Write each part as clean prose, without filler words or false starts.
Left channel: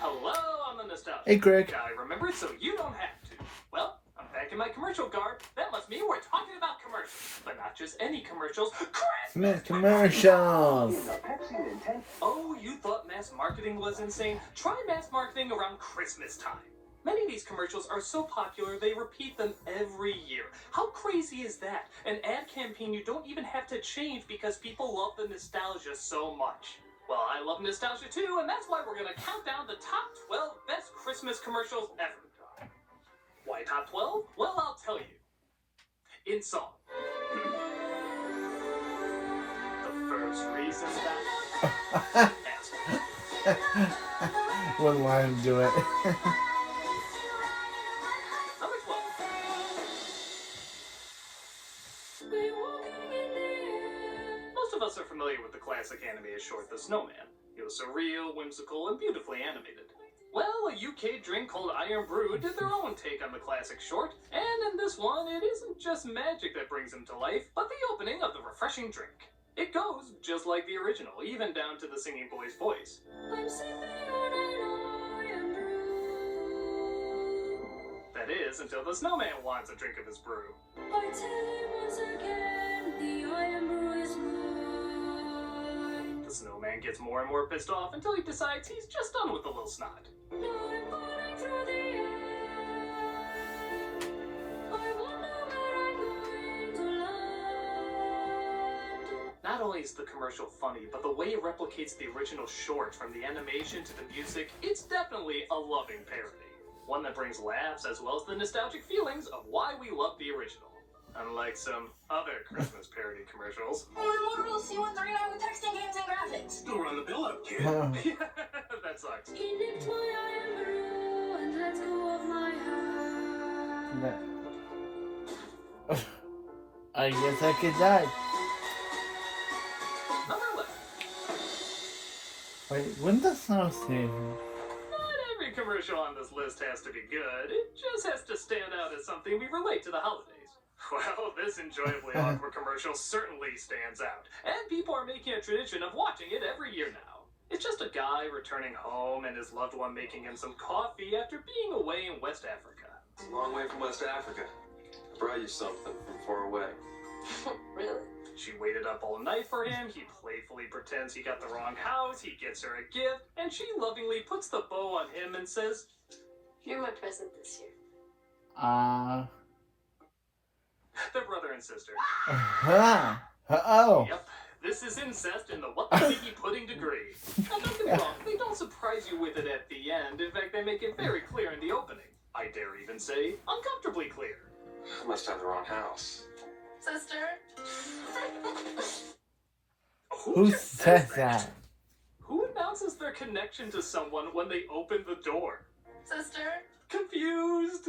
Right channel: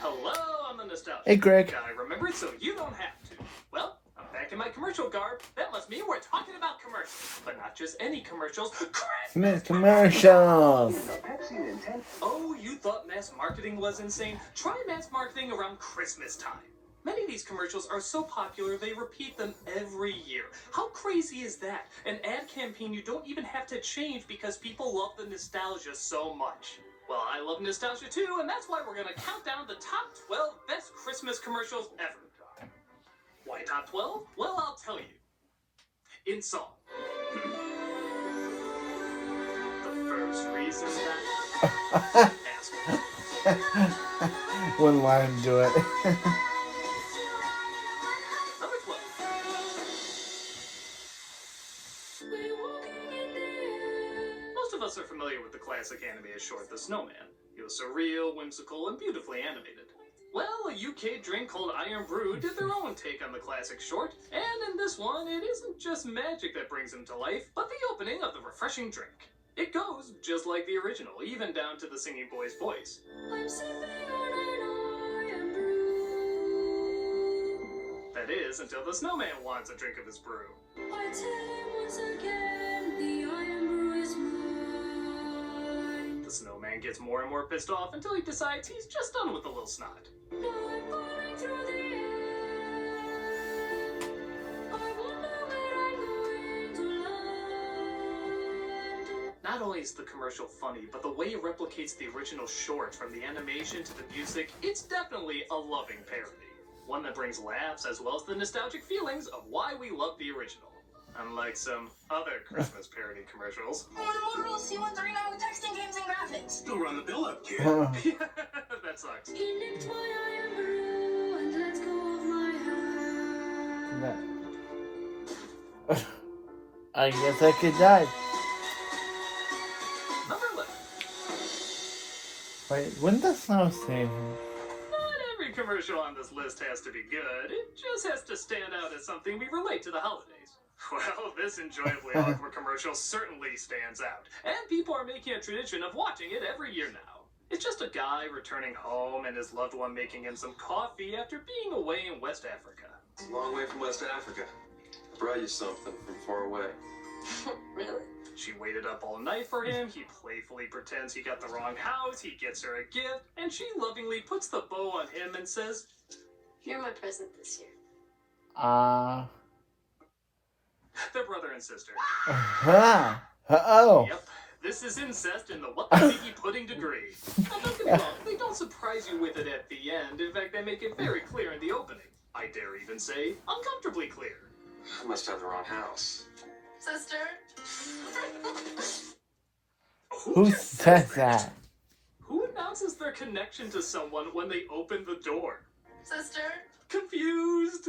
Hello, I'm the Nostalgia. Hey, Greg. I remembered so you don't have to. Well, I'm back in my commercial garb. That must mean we're talking about commercials. But not just any commercials. Christmas Commercials! Oh, you thought mass marketing was insane? Try mass marketing around Christmas time. Many of these commercials are so popular they repeat them every year. How crazy is that? An ad campaign you don't even have to change because people love the nostalgia so much. Well, I love nostalgia too, and that's why we're gonna count down the top 12 best Christmas commercials ever. Why top 12? Well, I'll tell you. In song. The first reason that... Asshole. Wouldn't want him to do it. Number 12. Most of us are familiar with the classic animated short The Snowman. It was surreal, whimsical, and beautifully animated. Well, a UK drink called Iron Brew did their own take on the classic short, and in this one, it isn't just magic that brings him to life, but the opening of the refreshing drink. It goes just like the original, even down to the singing boy's voice. I'm sipping on an iron brew. That is, until the snowman wants a drink of his brew. I tell him once again, the iron brew is mine. The snowman gets more and more pissed off until he decides he's just done with the little snot. Now I'm falling through the air. I wonder where I'm going to land. Not only is the commercial funny, but the way it replicates the original short, from the animation to the music, it's definitely a loving parody. One that brings laughs as well as the nostalgic feelings of why we love the original. Unlike some other Christmas parody commercials. On Motorola C139 with texting, games, and graphics. Still run the bill up, kid. Yeah, that sucks. He nipped my iron brew and let go of my hand. I guess I could die. Number 11. Wait, wouldn't the snow stay? Not every commercial on this list has to be good. It just has to stand out as something we relate to the holidays. Well, this enjoyably awkward commercial certainly stands out, and people are making a tradition of watching it every year now. It's just a guy returning home and his loved one making him some coffee after being away in West Africa. It's a long way from West Africa. I brought you something from far away. Really? She waited up all night for him, he playfully pretends he got the wrong house, he gets her a gift, and she lovingly puts the bow on him and says, You're my present this year. They're brother and sister. Uh-oh. Yep, this is incest in the what the figgy pudding degree. Now don't get me wrong, they don't surprise you with it at the end. In fact, they make it very clear in the opening. I dare even say, uncomfortably clear. I must have the wrong house. Sister? Who just says that? Who announces their connection to someone when they open the door? Sister? Confused.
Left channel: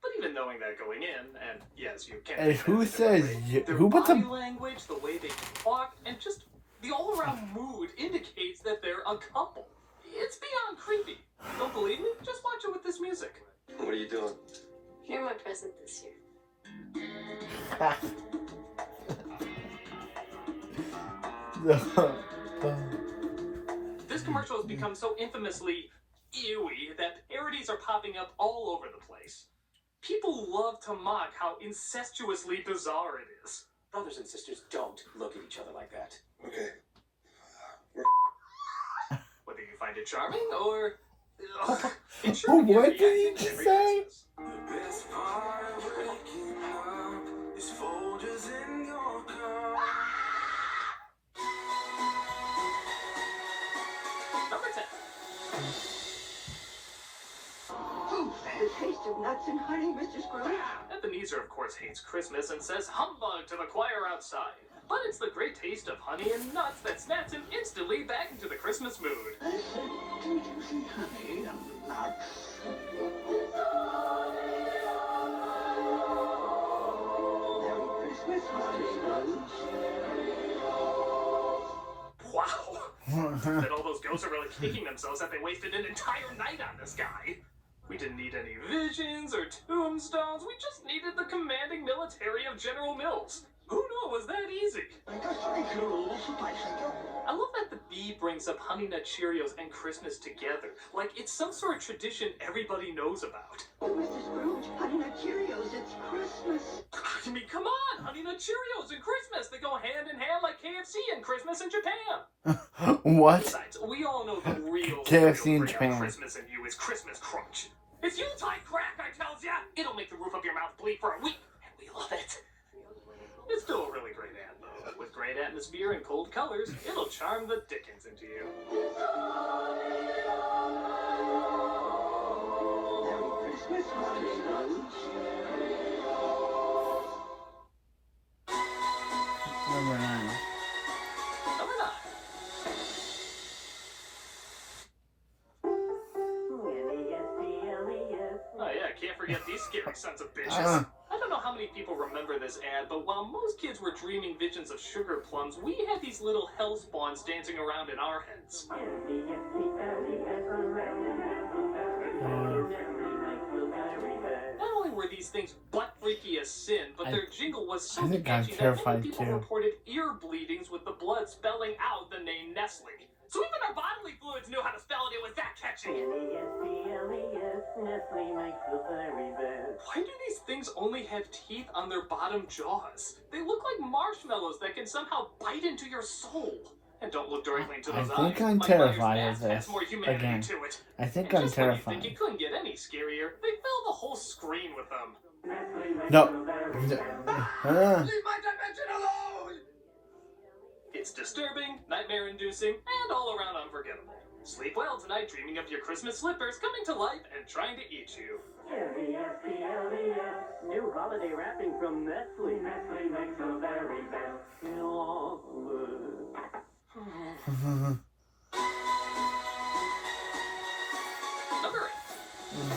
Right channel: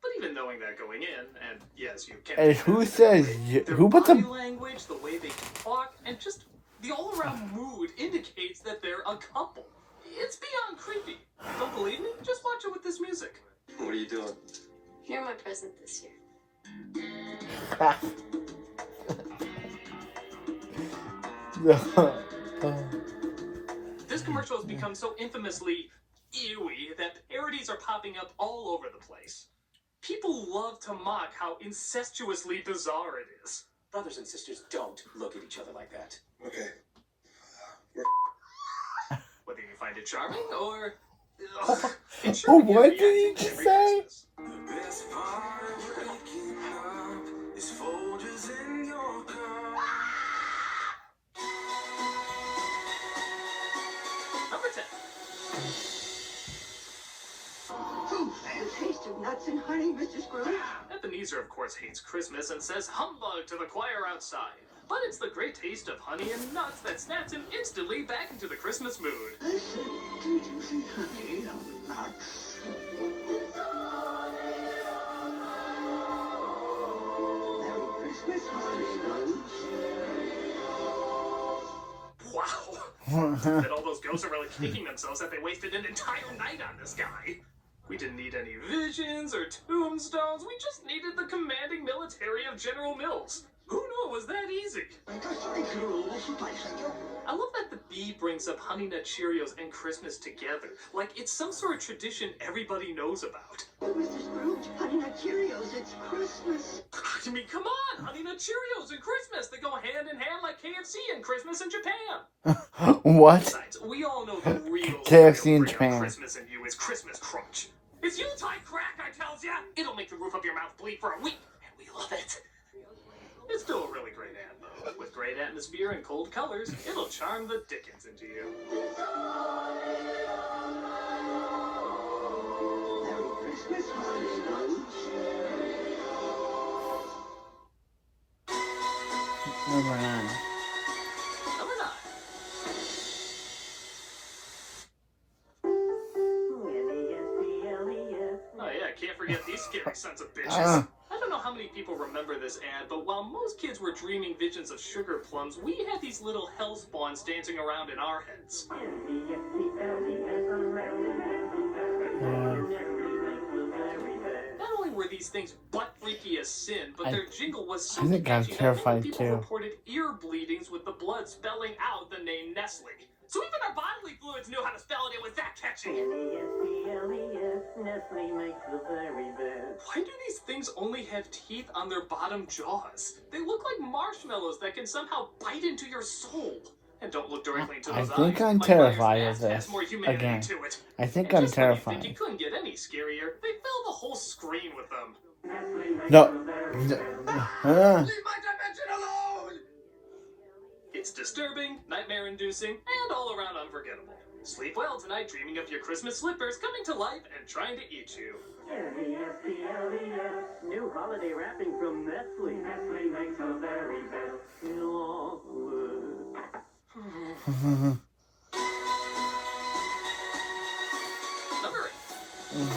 But even knowing that going in, and yes, you can't. And who says their who puts body a language, the way they talk, and just the all-around mood indicates that they're a couple. It's beyond creepy. Don't believe me? Just watch it with this music. What are you doing? You're my present this year. This commercial has become so infamously ewy that parodies are popping up all over the place. People love to mock how incestuously bizarre it is. Brothers and sisters don't look at each other like that. Okay. Whether you find it charming or... it's sure to get What did reacting he every say? Christmas. The best part of waking up is Folgers in your cup. Number 10. The taste of nuts and honey, Mr. Scrooge. Ebenezer, of course, hates Christmas and says humbug to the choir outside. But it's the great taste of honey and nuts that snaps him instantly back into the Christmas mood. I said, did you see honey and nuts? Merry Christmas, Mr. Scrooge. Wow. That all those ghosts are really kicking themselves that they wasted an entire night on this guy. We didn't need any visions or tombstones. We just needed the commanding military of General Mills. Who it was that easy. I love that the bee brings up Honey Nut Cheerios and Christmas together. Like it's some sort of tradition everybody knows about. Mr. Scrooge, Honey Nut Cheerios, it's Christmas. I mean, come on! Honey Nut Cheerios and Christmas! They go hand in hand like KFC and Christmas in Japan! What? Besides, we all know the real KFC in bring out Japan. Christmas in you is Christmas Crunch. It's Yuletide crack, I tells ya! It'll make the roof of your mouth bleed for a week, and we love it. It's still a really great ad, though. With great atmosphere and cold colors, it'll charm the dickens into you. Merry Christmas, Mr. Scrooge. Number 9. Number 9. Oh yeah, can't forget these scary sons of bitches. I don't know how many people remember this ad, but while most kids were dreaming visions of sugar plums, we had these little hellspawns dancing around in our heads. Not only were these things butt freaky as sin, but their jingle was so I think I'm catchy that terrified many people too. reported ear bleedings with the blood spelling out the name Nestle. So even our bodily fluids knew how to spell it. It was that catchy. Why do these things only have teeth on their bottom jaws? They look like marshmallows that can somehow bite into your soul. And don't look directly into those I think eyes. I'm My terrified brother's of mask this. has more humanity Again. to it. I think And I'm just when you terrified. think it couldn't get any scarier, they fill the whole screen with them. No. Leave my dimension alone! It's disturbing, nightmare-inducing, and all around unforgettable. Sleep well tonight, dreaming of your Christmas slippers coming to life and trying to eat you. New holiday wrapping from Nestle. Nestle makes the very best Number 8.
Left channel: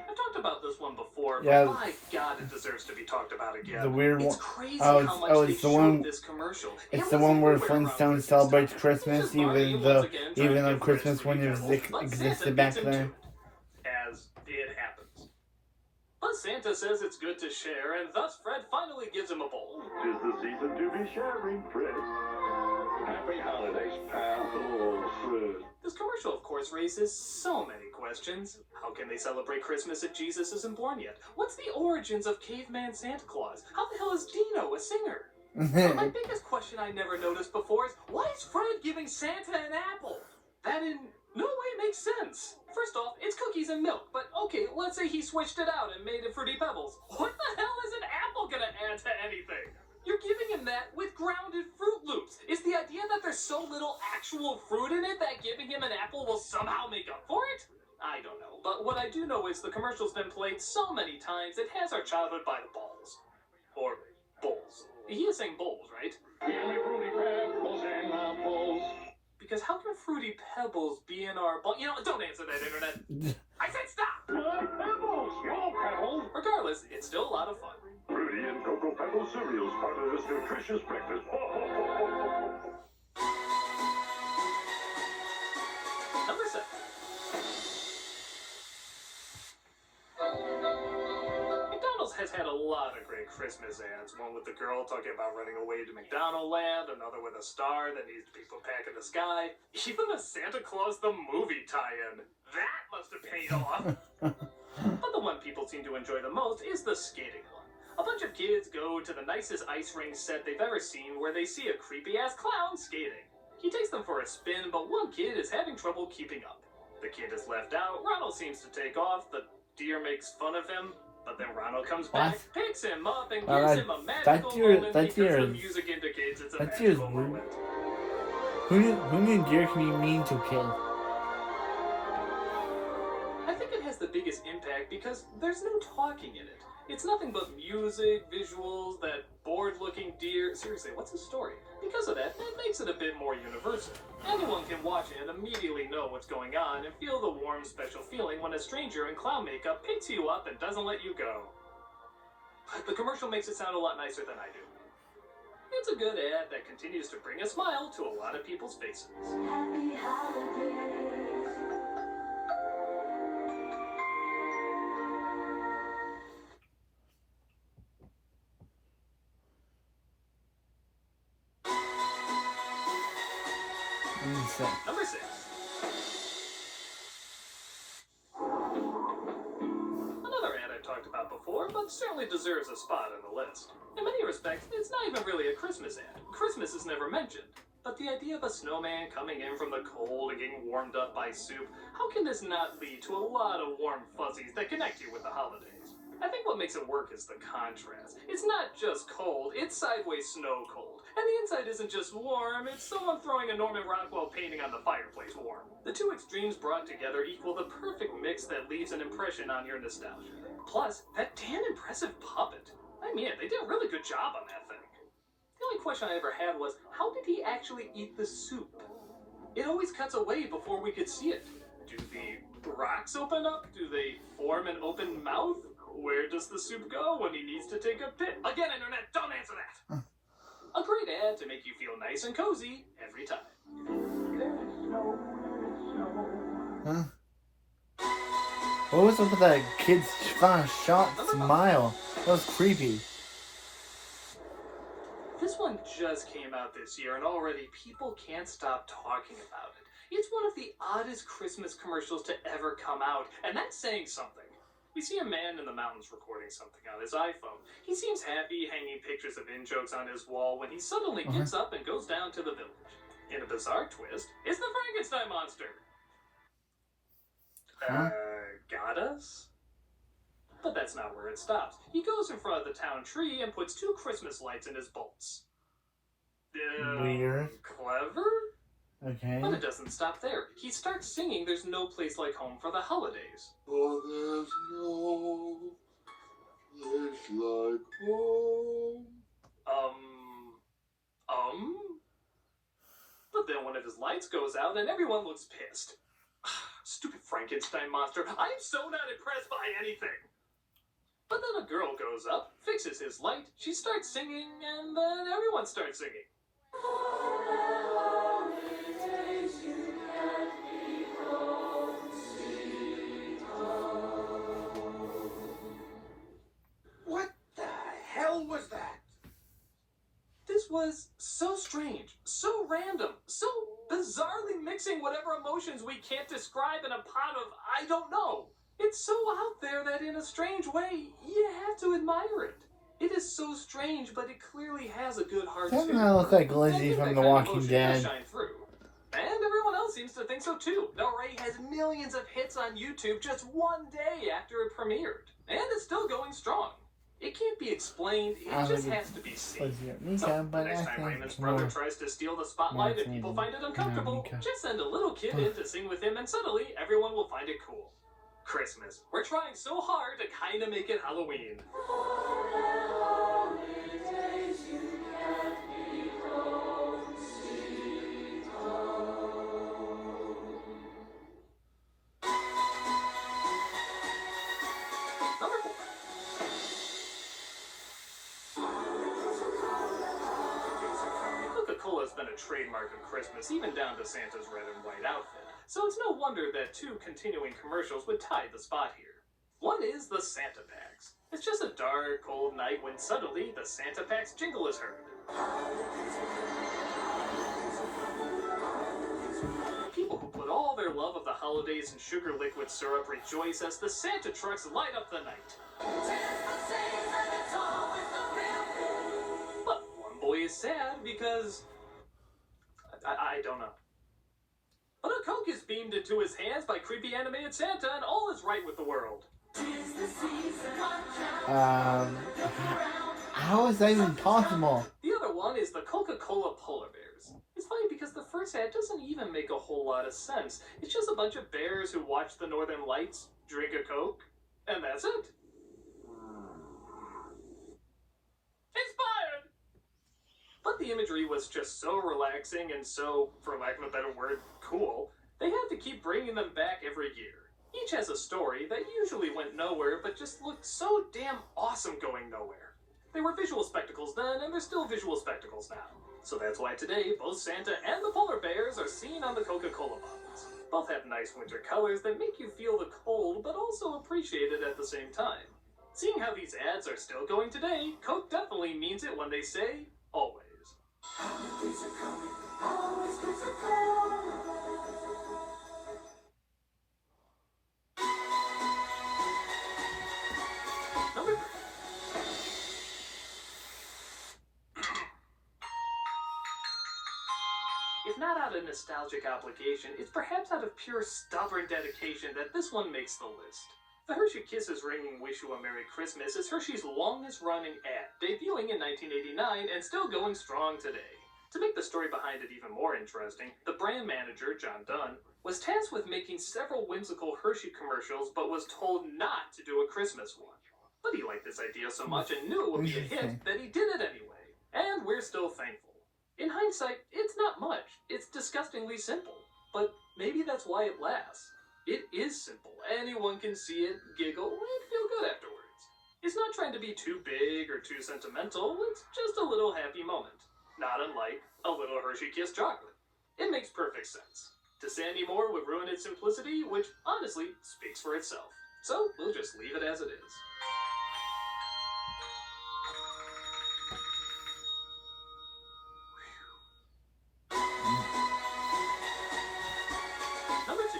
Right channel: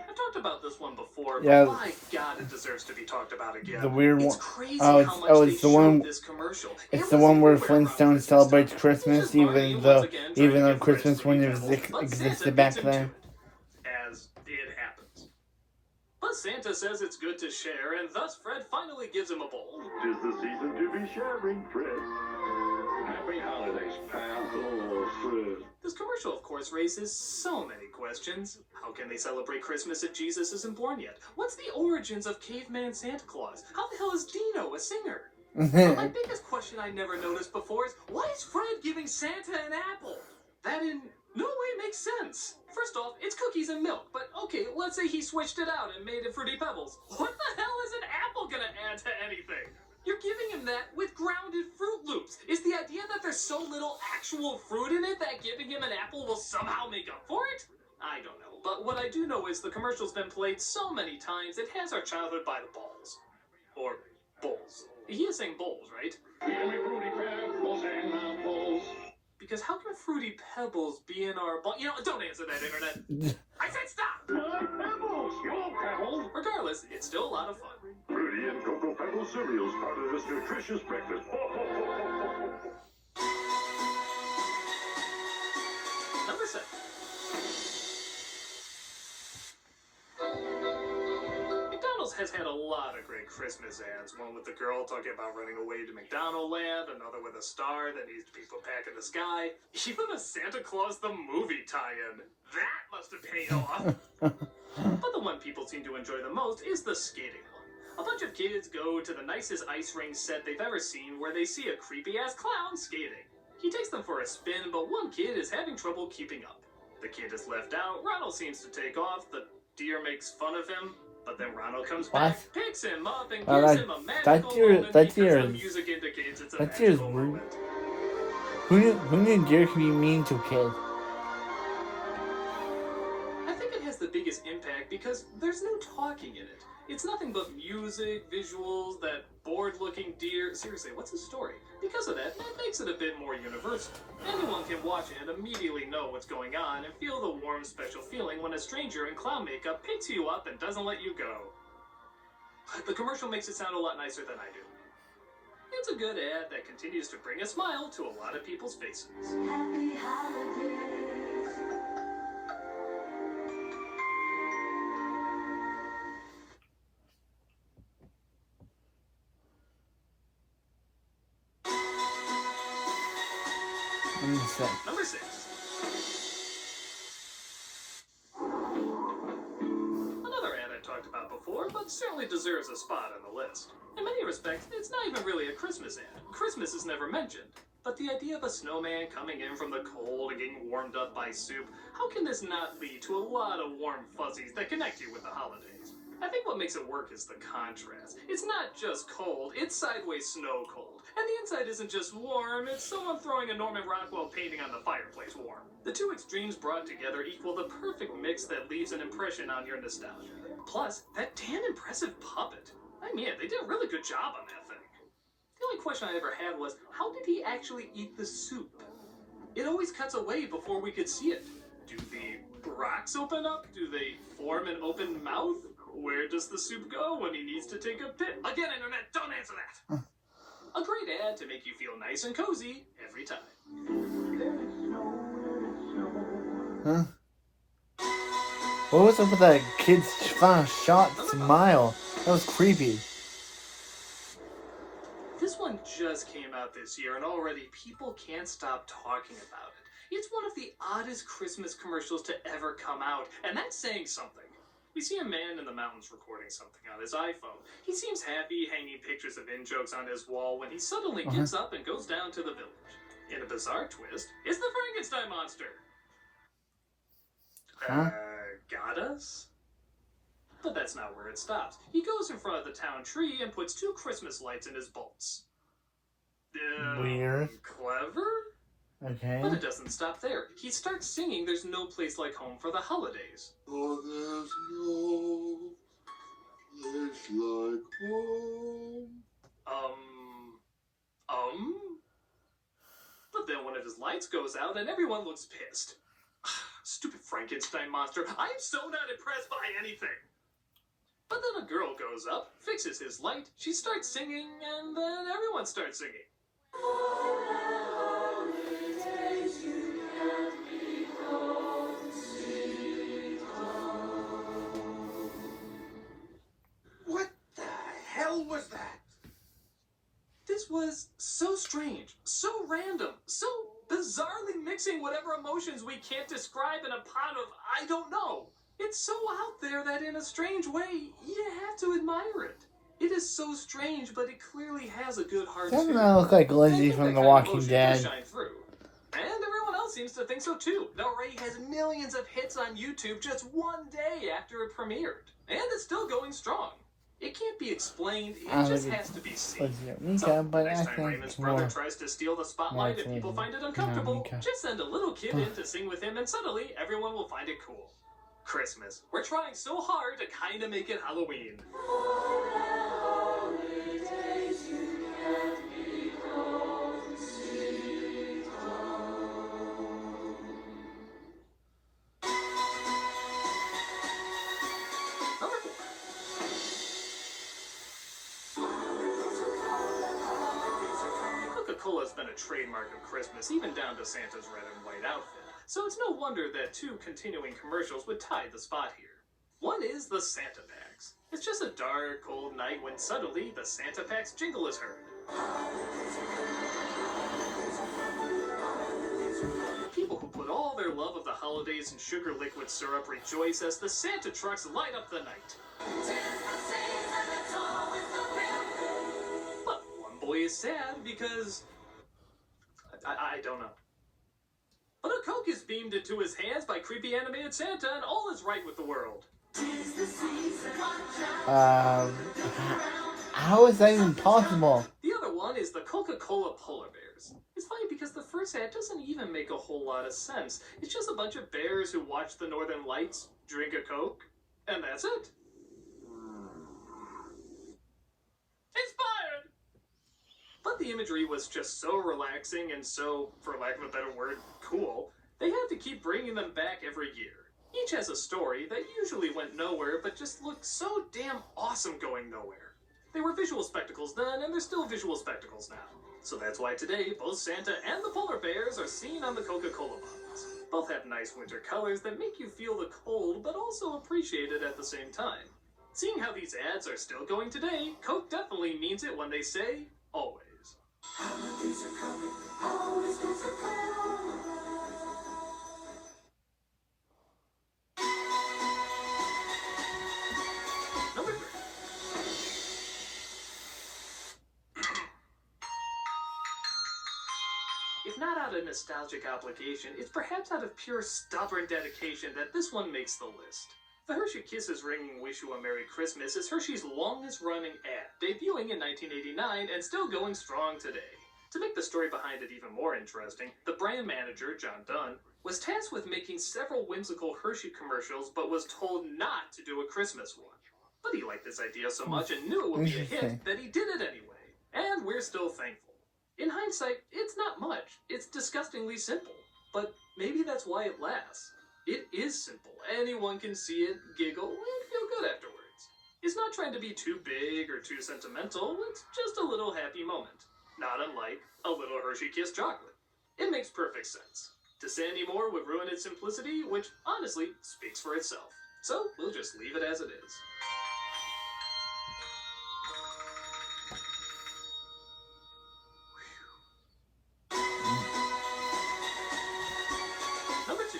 I've talked about this one before, Yeah. but my God, it deserves to be talked about again. The weird It's one. crazy Oh, how much it's they the showed one- this commercial. It's It the was one where everywhere around Flintstones Christmas celebrates time. Christmas, It's just Barney even once though again trying to even though give Christmas Fred's wouldn't Fruity have Pebbles, but existed Santa back beats him then. to it, as it happens. But Santa says it's good to share, and thus Fred finally gives him a bowl. 'Tis the season to be sharing, Fred. Happy holidays, pal. Oh, Fred. This commercial, of course, raises so many questions. How can they celebrate Christmas if Jesus isn't born yet? What's the origins of caveman Santa Claus? How the hell is Dino a singer? But my biggest question I never noticed before is, why is Fred giving Santa an apple? That in no way makes sense. First off, it's cookies and milk, but okay, let's say he switched it out and made it Fruity Pebbles. What the hell is an apple gonna add to anything? You're giving him that with grounded Fruit Loops. Is the idea that there's so little actual fruit in it that giving him an apple will somehow make up for it? I don't know, but what I do know is the commercial's been played so many times it has our childhood by the balls. Or bowls. He is saying bowls, right? Give me Fruity Pebbles and apples. Because how can Fruity Pebbles be in our bowl? You know, don't answer that, Internet. I said stop! Pebbles, your pebbles. Regardless, it's still a lot of fun. Fruity and Cocoa Pebbles cereals, part of this nutritious breakfast. Number 7. McDonald's has had a lot of great Christmas ads. One with the girl talking about running away to McDonald Land, another with a star that needs to be put back in the sky, even a Santa Claus the movie tie-in. That must have paid off. But the one people seem to enjoy the most is the skating one. A bunch of kids go to the nicest ice rink set they've ever seen where they see a creepy-ass clown skating. He takes them for a spin, but one kid is having trouble keeping up. The kid is left out, Ronald seems to take off, the deer makes fun of him, but then Ronald comes back, picks him up, and gives him a magical moment because the music indicates it's a magical moment. Who knew deer can be mean to kids? I think it has the biggest impact because there's no talking in it. It's nothing but music, visuals, that bored-looking deer. Seriously, what's the story? Because of that, it makes it a bit more universal. Anyone can watch it and immediately know what's going on and feel the warm, special feeling when a stranger in clown makeup picks you up and doesn't let you go. But the commercial makes it sound a lot nicer than I do. It's a good ad that continues to bring a smile to a lot of people's faces. Happy holidays. Incest. Number 6. Another ad I've talked about before, but certainly deserves a spot on the list. In many respects, it's not even really a Christmas ad. Christmas is never mentioned. But the idea of a snowman coming in from the cold and getting warmed up by soup, how can this not lead to a lot of warm fuzzies that connect you with the holidays? I think what makes it work is the contrast. It's not just cold, it's sideways snow cold. And the inside isn't just warm, it's someone throwing a Norman Rockwell painting on the fireplace warm. The two extremes brought together equal the perfect mix that leaves an impression on your nostalgia. Plus, that damn impressive puppet. I mean, they did a really good job on that thing. The only question I ever had was, how did he actually eat the soup? It always cuts away before we could see it. Do the rocks open up? Do they form an open mouth? Where does the soup go when he needs to take a pit? Again, internet, don't answer that! A great ad to make you feel nice and cozy every time. Huh? What was up with that kid's shot smile? That was creepy. This one just came out this year, and already people can't stop talking about it. It's one of the oddest Christmas commercials to ever come out, and that's saying something. We see a man in the mountains recording something on his iPhone. He seems happy, hanging pictures of in-jokes on his wall when he suddenly gets up and goes down to the village. In a bizarre twist, it's the Frankenstein monster. Got us? But that's not where it stops. He goes in front of the town tree and puts 2 Christmas lights in his bolts. Weird. Clever? Okay. But it doesn't stop there. He starts singing There's No Place Like Home for the Holidays. Oh, there's no place like home. But then one of his lights goes out and everyone looks pissed. Stupid Frankenstein monster. I'm so not impressed by anything. But then a girl goes up, fixes his light, she starts singing, and then everyone starts singing. What the hell was that? This was so strange, so random, so bizarrely mixing whatever emotions we can't describe in a pot of I don't know. It's so out there that in a strange way, you have to admire it. It is so strange, but it clearly has a good heart Doesn't too. that look like And I Lindsay think from that The kind of Walking emotion Dead? does shine through. And everyone else seems to think so too. The Ray has millions of hits on YouTube just one day after it premiered. And it's still going strong. It can't be explained, it just has to be seen. So, the next time Raymond's brother tries to steal the spotlight and people find it uncomfortable, just send a little kid in to sing with him and suddenly everyone will find it cool. Christmas. We're trying so hard to kind of make it Halloween. Number 4. Coca-Cola's been a trademark of Christmas, even down to Santa's red and white outfit. So it's no wonder that 2 continuing commercials would tie the spot here. One is the Santa Packs. It's just a dark, cold night when suddenly the Santa Packs jingle is heard. People who put all their love of the holidays in sugar liquid syrup rejoice as the Santa trucks light up the night. But one boy is sad because I don't know. But a Coke is beamed into his hands by creepy animated Santa, and all is right with the world. How is that even possible? The other one is the Coca-Cola Polar Bears. It's funny because the first ad doesn't even make a whole lot of sense. It's just a bunch of bears who watch the northern lights, drink a Coke, and that's it. Inspired! But the imagery was just so relaxing and so, for lack of a better word, cool, they had to keep bringing them back every year. Each has a story that usually went nowhere, but just looked so damn awesome going nowhere. They were visual spectacles then, and they're still visual spectacles now. So that's why today, both Santa and the polar bears are seen on the Coca-Cola bottles. Both have nice winter colors that make you feel the cold, but also appreciate it at the same time. Seeing how these ads are still going today, Coke definitely means it when they say, always. Holidays are coming, holidays are coming. Number 3. If not out of nostalgic obligation, it's perhaps out of pure stubborn dedication that this one makes the list. The Hershey Kisses Ringing Wish You a Merry Christmas is Hershey's longest running ad, debuting in 1989 and still going strong today. To make the story behind it even more interesting, the brand manager, John Dunn, was tasked with making several whimsical Hershey commercials but was told not to do a Christmas one. But he liked this idea so much and knew it would be a hit that he did it anyway. And we're still thankful. In hindsight, it's not much. It's disgustingly simple. But maybe that's why it lasts. It is simple. Anyone can see it, giggle, and feel good afterwards. It's not trying to be too big or too sentimental. It's just a little happy moment. Not unlike a little Hershey Kiss chocolate. It makes perfect sense. To say any more would ruin its simplicity, which honestly speaks for itself. So we'll just leave it as it is. Number 2.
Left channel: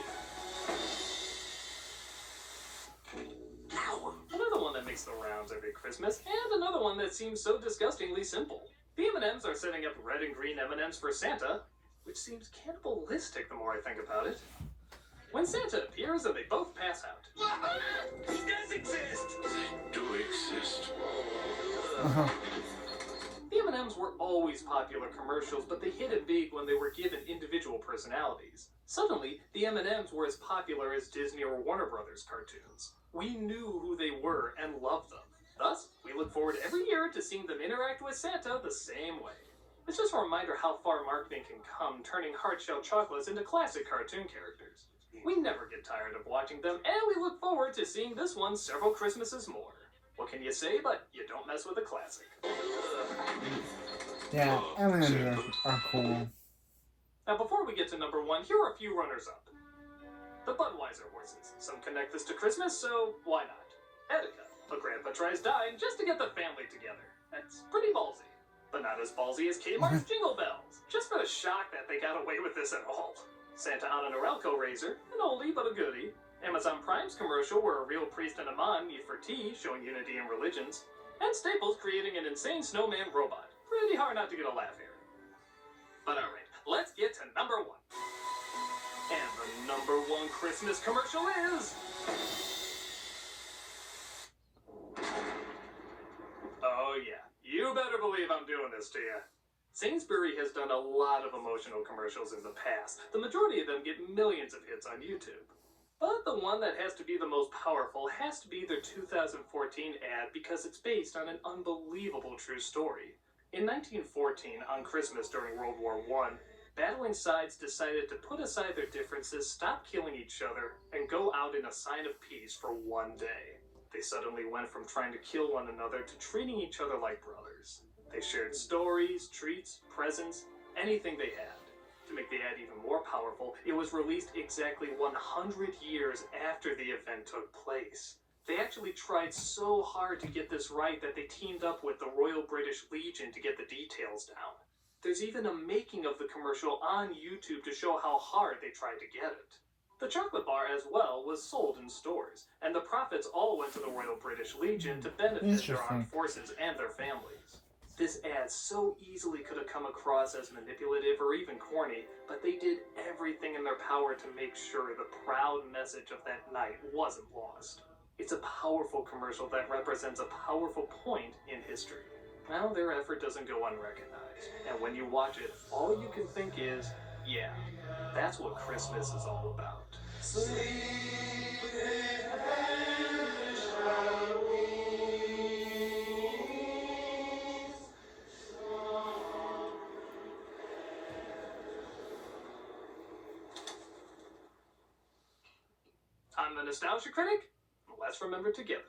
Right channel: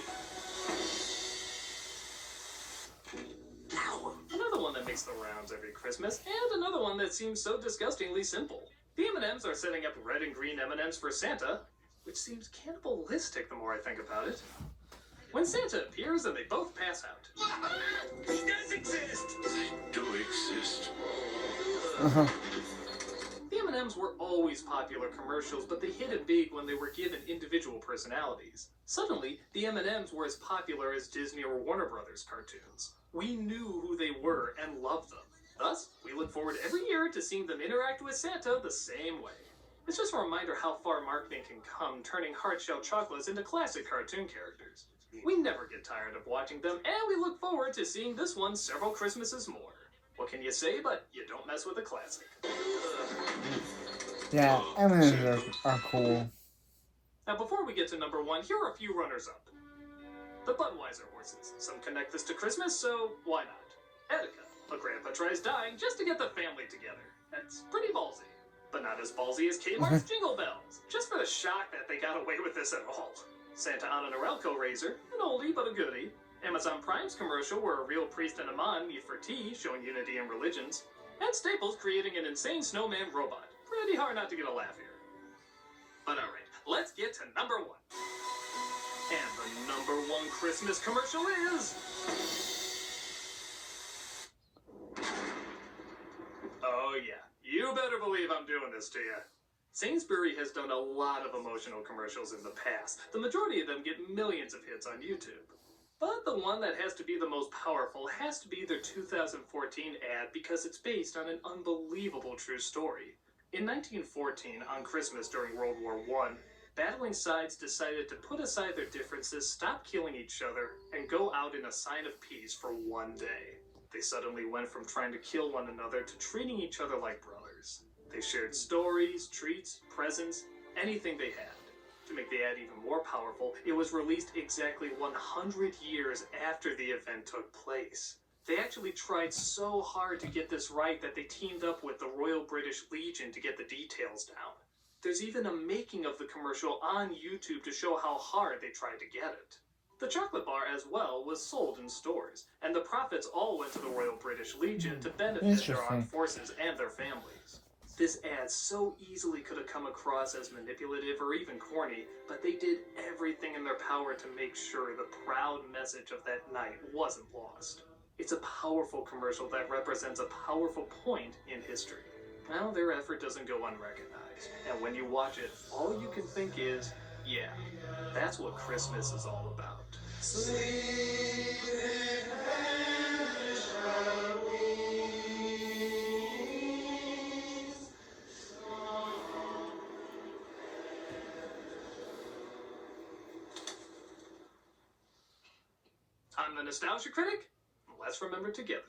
Another one that makes the rounds every Christmas, and another one that seems so disgustingly simple. The M&Ms are setting up red and green M&Ms for Santa, which seems cannibalistic the more I think about it. When Santa appears and they both pass out. He does exist! They do exist. The M&Ms were always popular commercials, but they hit it big when they were given individual personalities. Suddenly, the M&Ms were as popular as Disney or Warner Brothers cartoons. We knew who they were and loved them. Thus, we look forward every year to seeing them interact with Santa the same way. It's just a reminder how far marketing can come, turning hard-shell chocolates into classic cartoon characters. We never get tired of watching them, and we look forward to seeing this one several Christmases more. What can you say, but you don't mess with a classic. Yeah, M&Ms are cool. Now, before we get to number 1, here are a few runners-up. The Budweiser horses. Some connect this to Christmas, so why not? Etika. A grandpa tries dying just to get the family together. That's pretty ballsy. But not as ballsy as Kmart's Jingle Bells. Just for the shock that they got away with this at all. Santa on an Arelco razor. An oldie but a goodie. Amazon Prime's commercial where a real priest and a man meet for tea, showing unity in religions. And Staples creating an insane snowman robot. Pretty hard not to get a laugh here. But alright, let's get to number 1. And the number 1 Christmas commercial is... Oh yeah, you better believe I'm doing this to you. Sainsbury has done a lot of emotional commercials in the past. The majority of them get millions of hits on YouTube. But the one that has to be the most powerful has to be their 2014 ad because it's based on an unbelievable true story. In 1914, on Christmas during World War I, battling sides decided to put aside their differences, stop killing each other, and go out in a sign of peace for one day. They suddenly went from trying to kill one another to treating each other like brothers. They shared stories, treats, presents, anything they had. To make the ad even more powerful, it was released exactly 100 years after the event took place. They actually tried so hard to get this right that they teamed up with the Royal British Legion to get the details down. There's even a making of the commercial on YouTube to show how hard they tried to get it. The chocolate bar as well was sold in stores, and the profits all went to the Royal British Legion to benefit their armed forces and their families. This ad so easily could have come across as manipulative or even corny, but they did everything in their power to make sure the proud message of that night wasn't lost. It's a powerful commercial that represents a powerful point in history. Well, their effort doesn't go unrecognized, and when you watch it, all you can think is, yeah, that's what Christmas is all about. I'm the Nostalgia Critic. Let's remember together.